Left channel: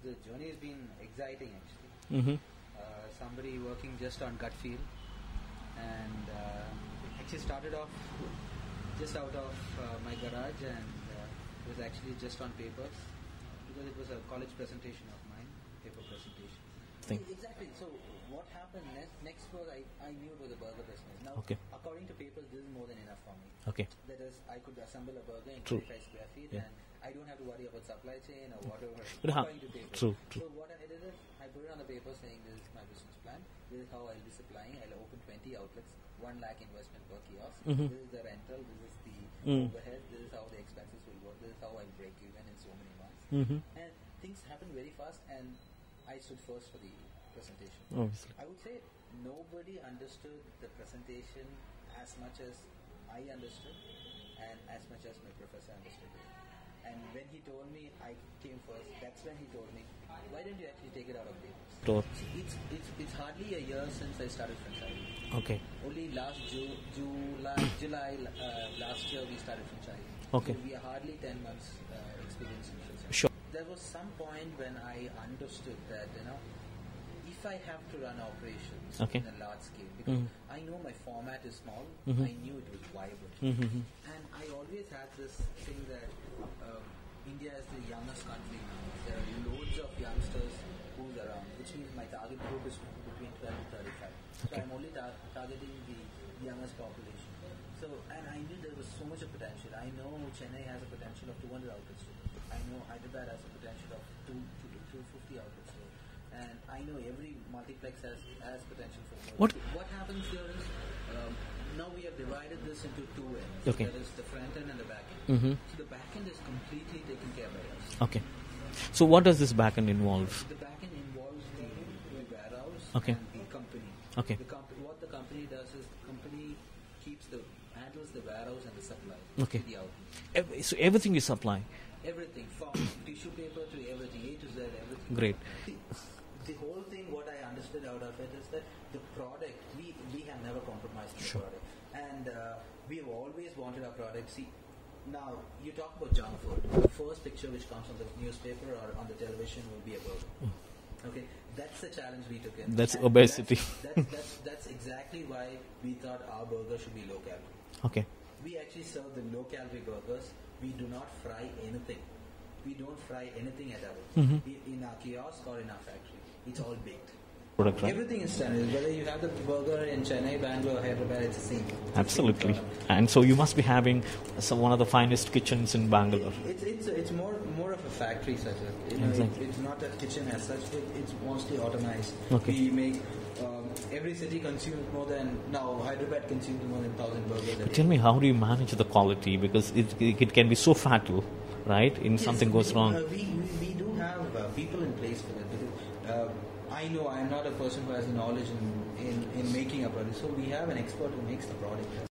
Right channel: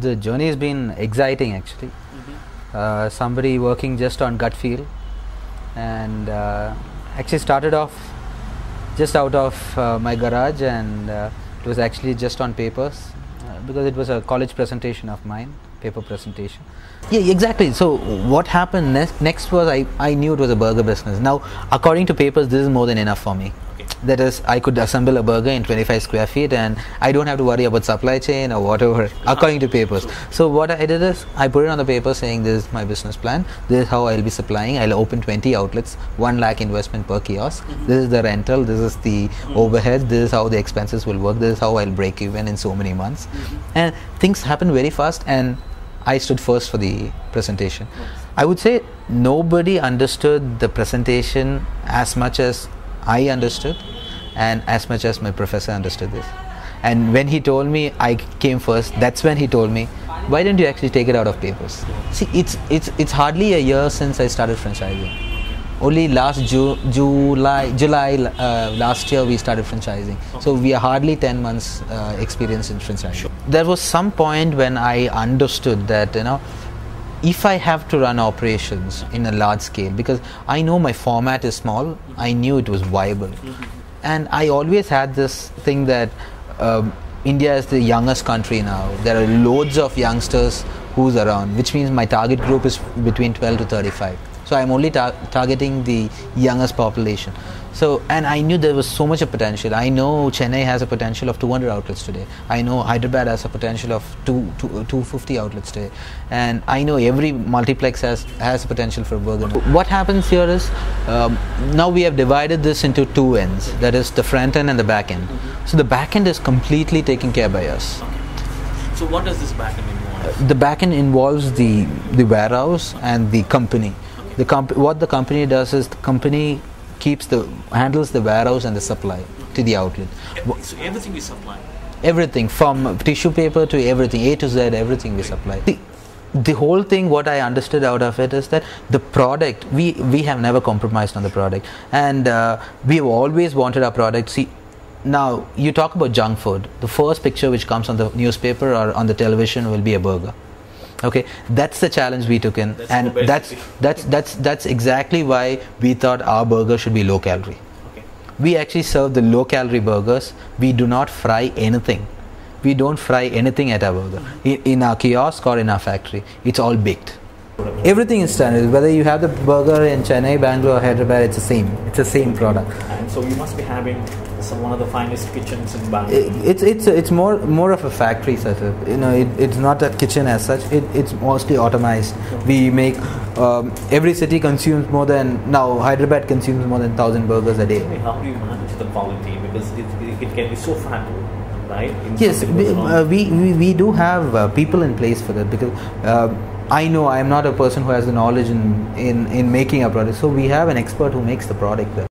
The journey has been exciting actually. Somebody working just on gut feel, and actually started off just out of my garage, and it was actually just on papers because it was a college presentation of mine, paper presentation. Yeah, exactly. So what happened next was I knew it was a burger business. Now, according to papers, this is more than enough for me. That is, I could assemble a burger in 25 square feet and I don't have to worry about supply chain or whatever, according to papers. So what I did is, I put it on the paper saying this is my business plan, this is how I'll be supplying, I'll open 20 outlets, 1 lakh investment per kiosk, this is the rental, this is the overhead, this is how the expenses will work, this is how I'll break even in so many months. And things happened very fast, and I stood first for the presentation. I would say nobody understood the presentation as much as I understood, and as much as my professor understood this. And when he told me I came first, that's when he told me, why don't you actually take it out of papers? See, it's hardly a year since I started franchising. Only last July last year we started franchising. So we are hardly 10 months experience in franchising. There was some point when I understood that, you know, if I have to run operations in a large scale, because I know my format is small, I knew it was viable. And I always had this thing that India is the youngest country now. There are loads of youngsters who's around, which means my target group is between 12 to 35. So I'm only targeting the youngest population. So, and I knew there was so much of potential. I know Chennai has a potential of 200 outlets today. I know Hyderabad has a potential of 250 outlets today. And I know every multiplex has a potential for burger. What happens here is, now we have divided this into 2 ends. That is the front end and the back end. So the back end is completely taken care by us. So what does this back end involve? The back end involves the warehouse and the company. What the company does is, the company handles the warehouse and the supply to the outlet. So everything we supply? Everything, from tissue paper to everything, A to Z, everything we supply. The whole thing, what I understood out of it is that the product, we have never compromised on the product, and we have always wanted our product. See, now you talk about junk food, the first picture which comes on the newspaper or on the television will be a burger. Okay, that's the challenge we took in, and that's exactly why we thought our burger should be low calorie. We actually serve the low calorie burgers. We do not fry anything. We don't fry anything at our burger. In our kiosk or in our factory, it's all baked. Everything is standard. Whether you have the burger in Chennai, Bangalore, or Hyderabad, it's the same. It's the same product. And so you must be having one of the finest kitchens in Bangalore. It's more of a factory setup. You know, it's not a kitchen as such. It's mostly automized. We make every city consumes more than, now Hyderabad consumes more than 1,000 burgers a day. Tell me, how do you manage the quality, because it can be so fatty, right? Yes, we do have people in place for that, because I know I am not a person who has the knowledge in making a product, so we have an expert who makes the product well.